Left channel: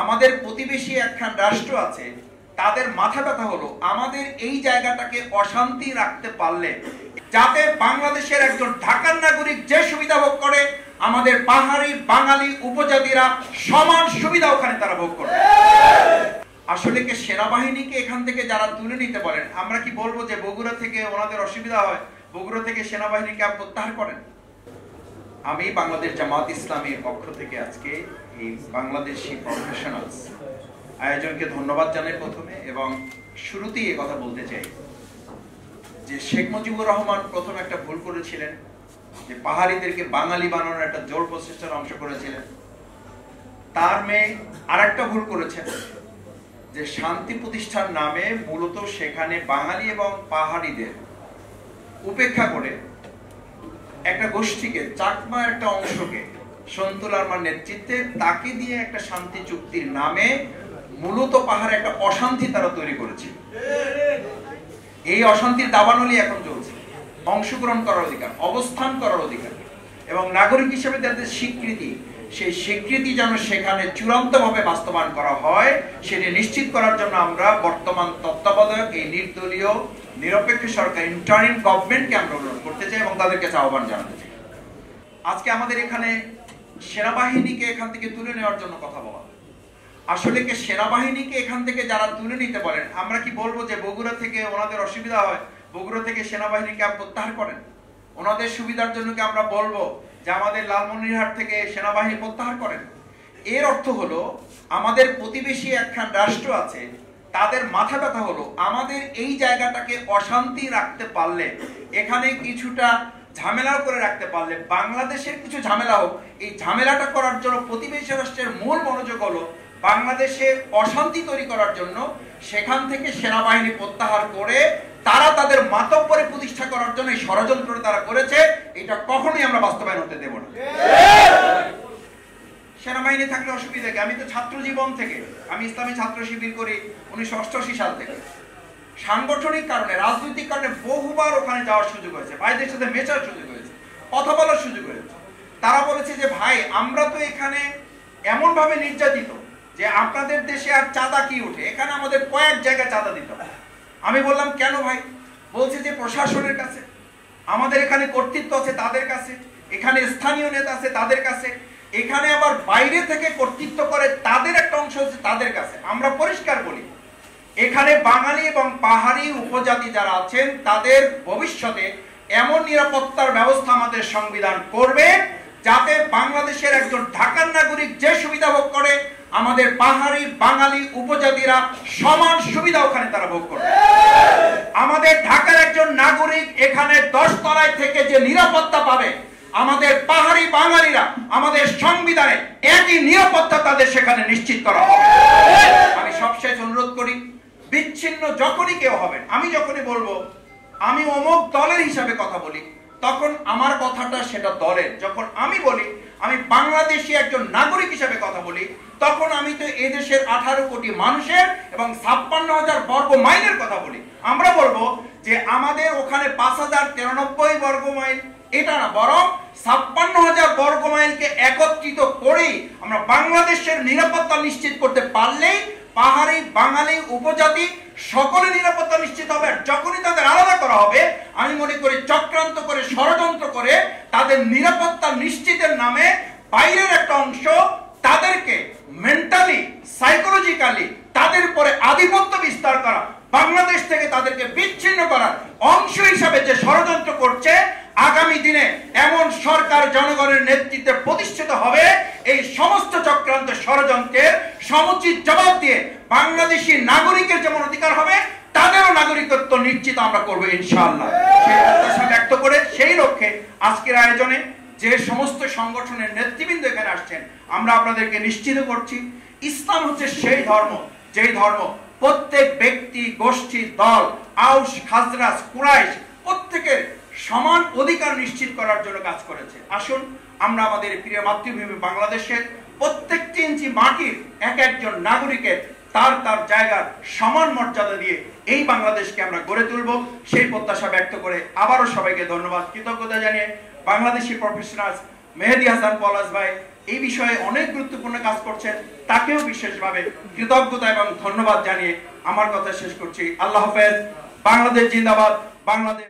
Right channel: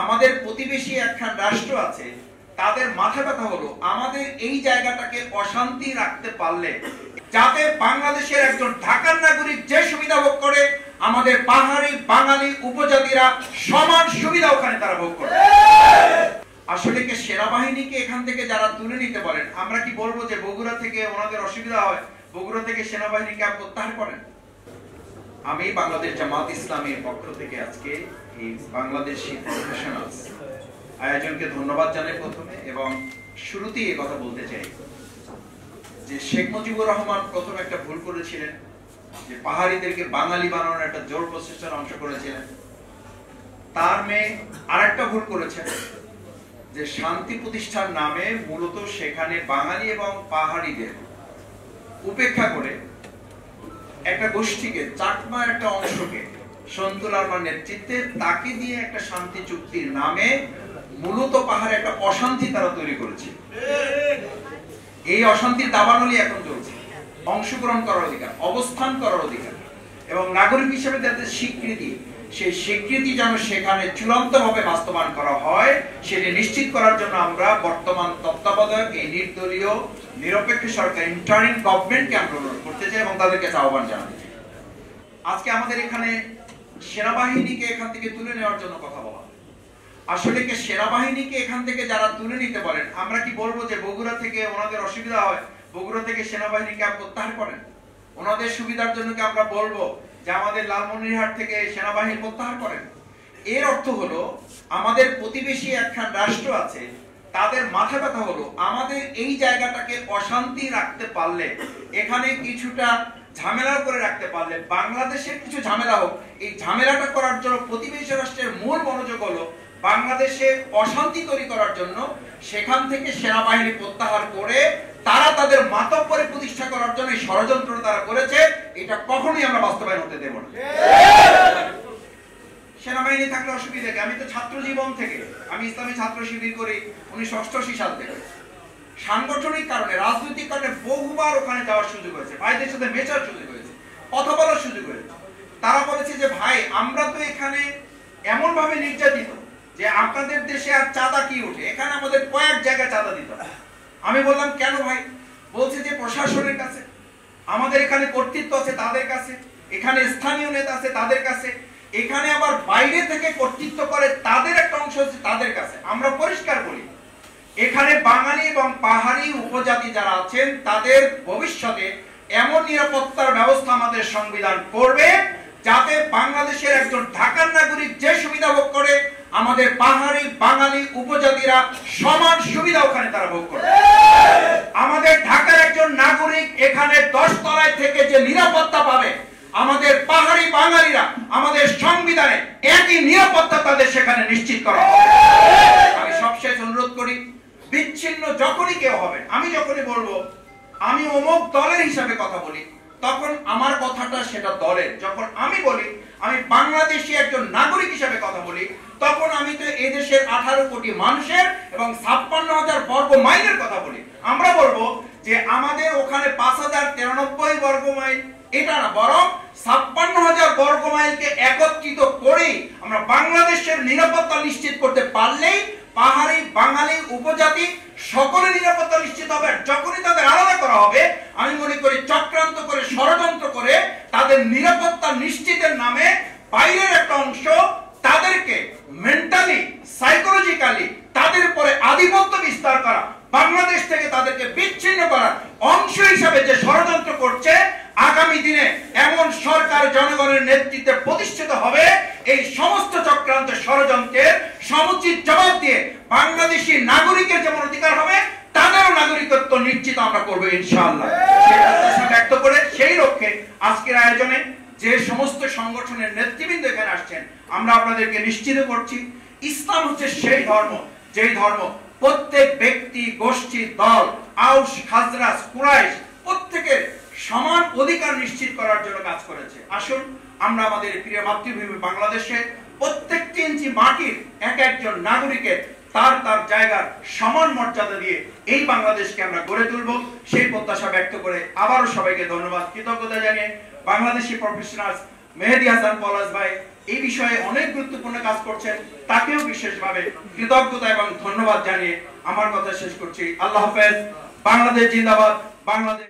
আমাদের প্রতিবেশী একখান রাষ্ট্র আছে, তাদের মাথা ব্যথা হলো আমাদের এই জায়গাটাকে অশান্তি রাখতে পারলে যাতে বাংলাদেশের একজন ঢাকার নাগরিক যে সুবিধা ভোগ করে আমাদের পাহাড়ি বাঙালি উপজাতিরা সমান সুবিধা ওখানে তারা ভোগ করে। আসলে কি সেনাবাহিনীকে এখান থেকে যারা তুলে নিতে পারেন, আমরা কি বলবো যে বগুড়া থেকে ওনাদের অসুবিধা হয়, বগুড়া থেকে সেনাবাহিনীকে প্রত্যাহার করেন? আমি বাংলাদেশ জামাত ইসলামীর পক্ষ থেকে আজকে এই বাংলাদেশি প্রফেশনালস আয়োজনকে ধন্যবাদ জানাই প্রথমে, এবং শুরুতেই এই কথা বলতে চাই যে শেখ মুজিবুর রহমান প্রথম একটা ভুল করেছিলেন, যে পাহাড়িদেরকে বাঙালি বানানোর একটা জোর প্রচেষ্টার অংশ করেছিলেন। তার মেয়ে আরেকটা ভুল করেছেন, যে শান্তি প্রতিষ্ঠার নামে মূলত সেখানে বাঙালি এবং পাহাড়িদের উপেক্ষা করে একটা গোষ্ঠীকে, চাকমার একটা অংশকে সন্তুল আরমার নেতৃত্বে তাকে দিয়ে একটা শান্তি চুক্তির নামে মূলত পাহাড়ে একটা অশান্তি তারা তৈরি করেছে। এই অশান্তির দাবানলি এখন চলছে। অংশগ্রহণ করার অধিকার, অবস্থান করার অধিকার এবং নাগরিক হিসেবে যাদের স্বীকৃতি, সেই স্বীকৃতি যেন সেখানে চূড়ান্তভাবে বাস্তবায়ন করা হয় সেটি নিশ্চিত করার জন্য আমরা বর্তমান তত্ত্বাবধায়ক এই নির্দলীয় নিরপেক্ষ সরকার ইন্টারিম গভর্নমেন্টকে আমরা অনুরোধ করতে চাই এবং তাদেরকে আহ্বান জানাতে চাই। আজকে আমাদের এখানে সেনাবাহিনীকে এখান থেকে তুলে নেওয়ার জন্য কথা বলা। আসলে কি সেনাবাহিনীকে এখান থেকে যারা তুলে নিতে পারেন, আমরা কি বলবো যে বগুড়া থেকে ওনাদের অসুবিধা হয়, বগুড়া থেকে সেনাবাহিনীকে প্রত্যাহার করেন? ওনাদের সুবিধার জন্য কি আমরা বলবো যে আমাদের লালমনিরহাট থেকে সেনাবাহিনী প্রত্যাহার করেন? এর অর্থ হলো আমাদের প্রতিবেশী একখান রাষ্ট্র আছে, তাদের মাথা ব্যথা হলো আমাদের এই জায়গাটাকে অশান্তি রাখতে পারলে, এখানে কিছুটা ঝামেলা করে রাখতে পারলে, বাংলাদেশের কিছু ঝামেলা হোক, এই ঝামেলাটা করার জন্য প্রতিবেশী রাষ্ট্রের মূল মনোযোগ হলো বাংলাদেশে অশান্তি তৈরি করার জন্য সেখান থেকে সেনাবাহিনী প্রত্যাহার করে তারা তাদের মাতব্বরে প্রতিষ্ঠা করার জন্য ষড়যন্ত্র তারা করেছে। এটা কখনোই আমরা বাস্তবায়ন হতে দেব না। সেনাবাহিনী থাকলে অসুবিধা কি? আমি তো ছাত্র জীবন থেকে, আমি ইসলামী ছাত্র শিবির করি 1988 সাল থেকে। সাংগঠনিক কারণে, রাজনৈতিক কারণে বহুবার ওখানে যাওয়ার সুযোগ হয়েছে, ভাইদের সাথে মেশার সুযোগ হয়েছে, কথা বলার সুযোগ হয়েছে। তারা বলেছে যে ভাই আমরা তো এখানে এমন ভাবে নির্যাতিত যে আপনাদের দেশে আর চাঁদা কি উঠে, এখানে আমাদের কয়েক জায়গায় চাঁদা দিতে হয়। আমি বললাম কেন ভাই? বলছে যে প্রশাসনের কাছে, আমাদের এখানে কর্তৃত্ব আছে তাদের কাছে, এখানে স্থানীয় নেতা আছে তাদের কাছে, এখানে আবার বাইরে থেকে কর্তৃত্ব করে তাদের একটা অংশ আছে তাদের কাছে। আমরা পরিষ্কার বলি, এখানে বাঙালি এবং পাহাড়ি উপজাতি যারা আছেন তাদের ভবিষ্যতে এমন নিরাপত্তার ব্যবস্থা আমাদের সংবিধান করবে যাতে বাংলাদেশের একজন ঢাকার নাগরিক যে সুবিধা ভোগ করে আমাদের পাহাড়ি বাঙালি উপজাতিরা সমান সুবিধা ওখানে তারা ভোগ করে। আমাদের ঢাকার একজন নাগরিক এখানে 10 তলায় থেকে যে নিরাপত্তা পাবে, আমাদের পাহাড়ি বাঙালিরা আমাদের সংবিধানে একই নিরাপত্তা তাদের সেখানে নিশ্চিত করা হবে। আমি সবশেষ অনুরোধ করি, বিচ্ছিন্ন যখনই কেউ হবে, আমি যখনই বলবো আমি অমুক দলের হিসাবে কথা বলি, তখন আমার কথাটা সেটা দলের। যখন আমি বলি আমি বাংলাদেশি একজন নাগরিক হিসাবে কথা বলি, তখন আমি তো এই দেশের 18 কোটি মানুষের এবং 56,000 বর্গ মাইলের কথা বলি। আমরা বলবো যে আমাদের ওখানে 5,093 বর্গ মাইল, এটা না, বরং 56,000 বর্গ মাইলকে একত্রিত করেই আমরা বাংলাদেশের নিরাপত্তা নিশ্চিত করতে পারলেই পাহাড়ি বাঙালি উপজাতি সকলের নিরাপত্তা নিশ্চিত হবে। যখনই তাদের আলাদা করা হবে, আমি মনে করি চক্রান্ত করে, ষড়যন্ত্র করে তাদের নিরাপত্তা নিশ্চিতের নামে বাইরের একটা অংশ তাদেরকে মেন্টালি, সাইকোলজিক্যালি তাদের উপরে আধিপত্য বিস্তার করা, বাংলাদেশ থেকে তাদেরকে বিচ্ছিন্ন করার অংশ হিসাবে যে ষড়যন্ত্র করছে, আগামী দিনে এমন সরকার জনগণের নেতৃত্বে প্রতিষ্ঠিত হবে, এই সমস্ত চক্রান্ত ষড়যন্ত্রের সমুচিত জবাব দিয়ে বাংলাদেশি নাগরিকের যেমন অধিকার হবে তাদেরও নাগরিকত্ব নিশ্চিত আমরা করবো ইনশাআল্লাহ। সেই প্রত্যাশা ব্যক্ত করে সেই লক্ষ্যে আজকের আয়োজনে যে সমস্ত সংগঠনের নেতৃবৃন্দ এখানে আসছেন, আমরা আপনাদেরকে নিশ্চিত করছি ইসলাম হচ্ছে সেই ধর্ম, যেই ধর্ম প্রত্যেক ব্যক্তি, গোষ্ঠী, দল, আউস, খাজরাজ, কুরাইশ প্রত্যেকের সমান অধিকার নিশ্চিত করার জন্য কাজ করেছে। আসুন আমরা আমাদের প্রিয় মাতৃভূমি বাংলাদেশের প্রত্যেকটি ইঞ্চি মাটির এক একজন নাগরিকের তার তার জায়গার সমান মর্যাদা দিয়ে এই বাংলাদেশকে আমরা গড়ে তুলব, সেই প্রত্যাশা ব্যক্ত করে আবারও সবাইকে ধন্যবাদ, কৃতজ্ঞতা জানিয়ে বাংলাদেশি প্রফেশনালস মেহেদী হাসান পলাশ ভাই এই বিষয়ে অনেক গুরুত্বপূর্ণ কাজ করছেন, তাকেও বিশেষভাবে কৃতজ্ঞতা এবং ধন্যবাদ জানিয়ে আমার কথা শেষ করছি। আল্লাহ হাফেজ। বাংলাদেশ জিন্দাবাদ। বাংলাদেশ